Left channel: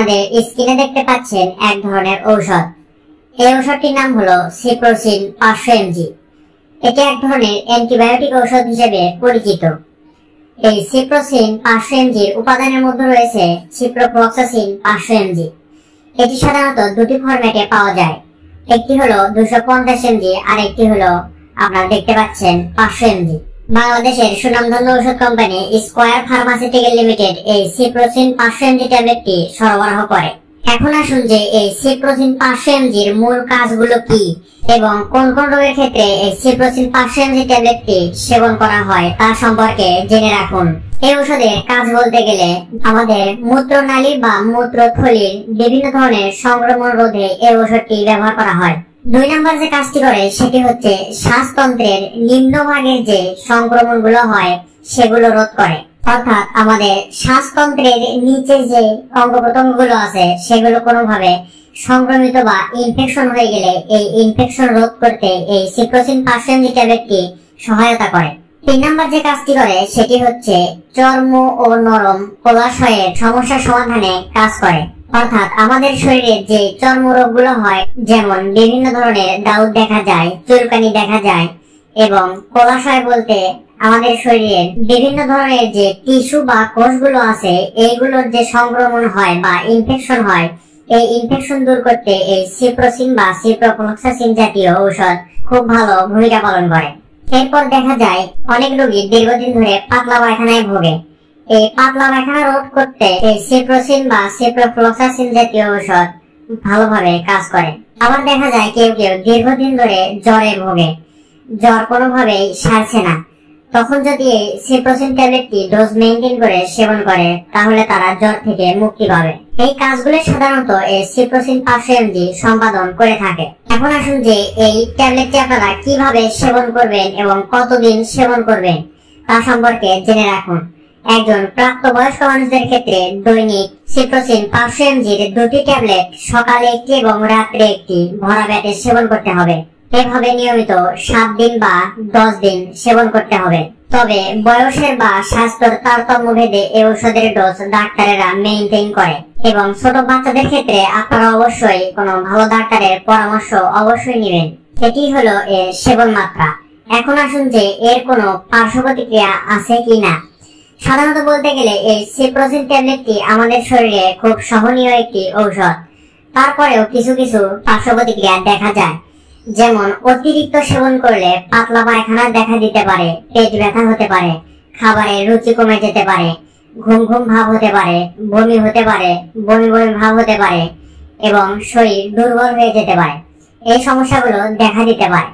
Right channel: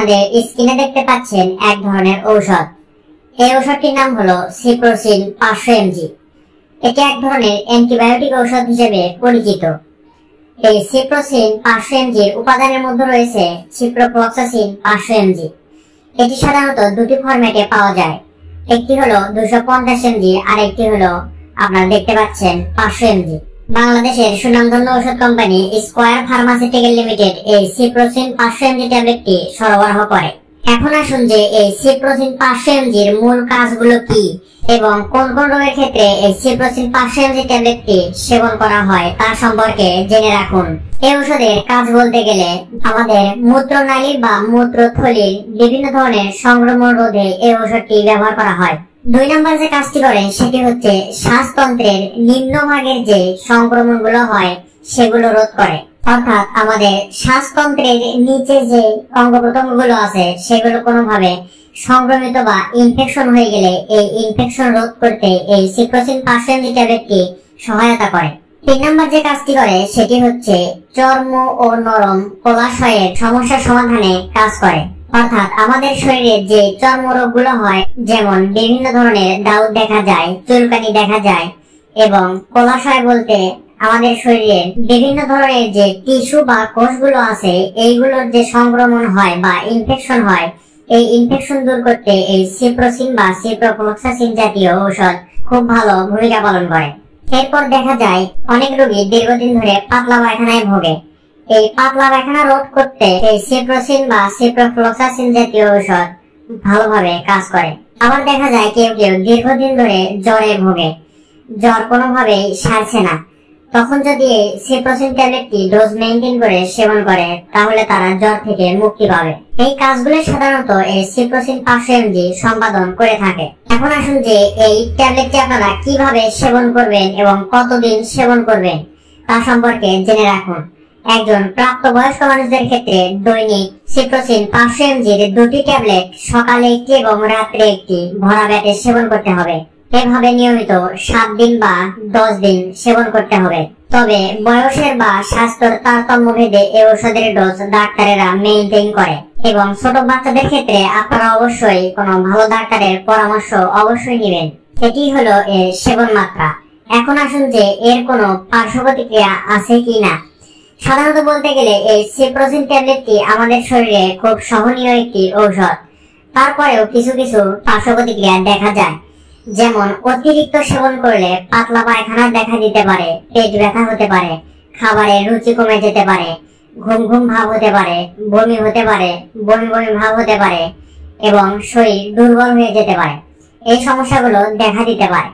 আপনাদের স্ক্রিনে দেখতে পাচ্ছেন এক ধরনের ঔষধ। এই ঔষধটির নাম হলো সিপ্রোসিন 500 mg। এটি এক ধরনের অ্যান্টিবায়োটিক ঔষধ হিসেবে পরিচিত। এই সিপ্রোসিন 500 mg এর উপাদানের মধ্যে রয়েছে সিপ্রোফ্লক্সাসিন 500 mg। এটি সাধারণত দুটি ফরম্যাটে পাওয়া যায়, একটি হলো 250 mg আর একটি হলো আপনারা দেখতে পাচ্ছেন 500 mg। বাংলাদেশের সুনামধন্য ঔষধ কোম্পানি স্কয়ার ফার্মাসিউটিক্যাল লিমিটেড এই সিপ্রোসিন 500 mg ট্যাবলেটটি সরবরাহ করে। এখন আসুন যে এই সিপ্রোসিন 500 mg এর মূল কাজগুলো কি এবং কোন কোন রোগের ক্ষেত্রে এই সিপ্রোসিন 500 mg ট্যাবলেটটি সেবন করা হয় তার সম্পর্কে জেনে রাখুন। এই ঔষধের কাজ বলতে গেলে আমাদের মূত্রনালী বা মূত্রথলির বিভিন্ন ধরনের সংক্রমণ রোধে এই ঔষধটি ব্যবহার করা হয়। 2 নম্বর যে কাজটি করে সেটি হচ্ছে শ্বাসতন্ত্রের নিম্নভাগের যে সংক্রমণগুলো হয় সেগুলো রোধ করে। অর্থাৎ আমাদের শ্বাসতন্ত্রের নিচে যে অঙ্গ প্রত্যঙ্গগুলো আছে সেগুলো কোনোভাবে সংক্রমিত বা ইনফেকশন হয়ে গেলে এই ইনফেকশন রোধ করতে এই সিপ্রোসিন 500 mg ট্যাবলেটটি সহায়তা করে। 3 নম্বর যে কাজটি করে সেটি হচ্ছে চর্ম ও নরম কোলাশয়ের সমস্যা সমাধানে কাজ করে। অর্থাৎ আমাদের শরীরে যে চর্মরোগগুলো হয়, যেমন বিভিন্ন ধরনের দাউদ দেখা যায়, চুলকানি দেখা যায়, এবং কোলাশয় বলতে আমাদের শরীরের বিভিন্ন ধরনের যে টিস্যু বা কোষগুলো আছে এইগুলোর যে সংক্রমণ হয় বা ইনফেকশন হয়, এই ইনফেকশন দূর করতে এই সিপ্রোসিন বা সিপ্রোফ্লক্সাসিন জাতীয় ঔষধ খুব ভালো ভূমিকা পালন করে। এরপর দেখা যায় অনেক রোগী দীর্ঘদিন ধরে পাতলা পায়খানায় ভোগে। এই পাতলা পায়খানা রোধ করতে এই সিপ্রোসিন বা সিপ্রোফ্লক্সাসিন জাতীয় ঔষধ ভালোভাবে কাজ করে। আবার দেখা যায় কেউ কেউ দীর্ঘদিন ধরে জ্বরে ভোগে, জ্বর কোনোভাবেই সারছে না, তখন যদি এই সিপ্রোসিন ট্যাবলেটটি ডোজ মেইনটেইন করে সেবন করে তাহলে তারা জ্বর থেকে মুক্তি পাবে। এই কাজগুলো সাধারণত এই সিপ্রোসিন 500 mg সম্পাদন করে থাকে। এখন আসুন যে এই ট্যাবলেটটি আপনারা কিভাবে সেবন করবেন এবং কতদিন সেবন করবেন তা সম্পর্কে জেনে রাখুন। একজন প্রাপ্তবয়স্ক মানুষদের ক্ষেত্রে দৈনিক সিপ্রোসিন 500 mg এর 2টি ট্যাবলেট সকালে একটি এবং রাত্রে একটি ভরা পেটে সেবন করতে হবে। এভাবে নিয়মিত 7 দিন বা 10 দিন সেবন করতে হবে। তবে বয়সের বা স্বাস্থ্যের তারতম্য ভেদে এই ঔষধের ডোজ ডাক্তারেরা মেইনটেইন করে এবং ছোট বাচ্চাদের ক্ষেত্রে আপনারা অবশ্যই কোনো ভালো ডাক্তারের পরামর্শ অবশ্যই নেবেন। এটি হলো এর সেবন মাত্রা। এখন আসুন যে এর কোনো পার্শ্ব প্রতিক্রিয়া আছে কিনা। সাধারণত বলতে গেলে এই সিপ্রোসিন ট্যাবলেটটি আমাদের শরীরে খুব সহনীয় একটি ঔষধ। তারপরেও কিছু কিছু পার্শ্ব প্রতিক্রিয়া দেখা যায়, যেমন অতিরিক্ত সেবন করলে পাতলা পায়খানা দেখা দিতে পারে, পেট ব্যথা হতে পারে, খাবারের রুচি কমে যেতে পারে, ঘুম ঘুম ভাব হতে পারে, বমি হতে পারে, বমি বমি ভাব হতে পারে এবং শরীর দুর্বল হয়ে যেতে পারে। এই সমস্যাগুলো দেখা দিতে পারে।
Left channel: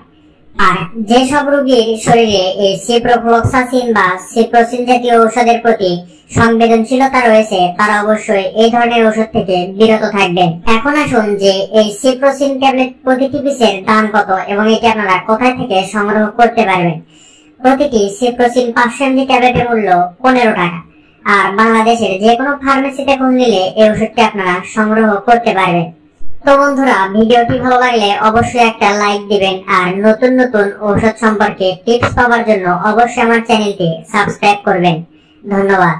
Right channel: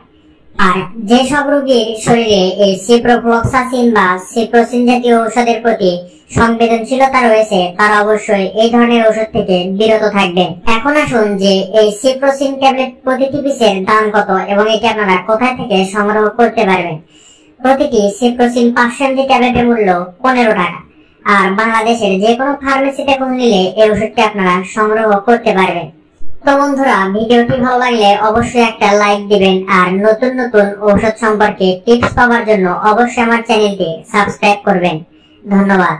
আর যেসব রোগীর শরীরে এই সিপ্রোফ্লক্সাসিন বা সিপ্রোসিন জাতীয় ঔষধের প্রতি সংবেদনশীলতা রয়েছে তারা অবশ্যই এই ধরনের ঔষধ থেকে বিরত থাকবেন। এখন আসুন যে এই সিপ্রোসিন ট্যাবলেট প্রতিটি পিসের দাম কত এবং এটি আপনারা কোথায় থেকে সংগ্রহ করতে পারবেন। প্রতিটি সিপ্রোসিন 500 mg ট্যাবলেটের মূল্য 15 টাকা। আর বাংলাদেশের যে কোনো ফার্মেসিতে খোঁজ নিলে এই ওষুধটি আপনারা সংগ্রহ করতে পারবেন। তো বন্ধুরা, ভিডিওটি ভালো লাগলে অবশ্যই একটা লাইক দিবেন আর নতুন নতুন ঔষধ সম্পর্কে টিপস পাওয়ার জন্য অবশ্যই আমার চ্যানেলটি সাবস্ক্রাইব করবেন। ধন্যবাদ।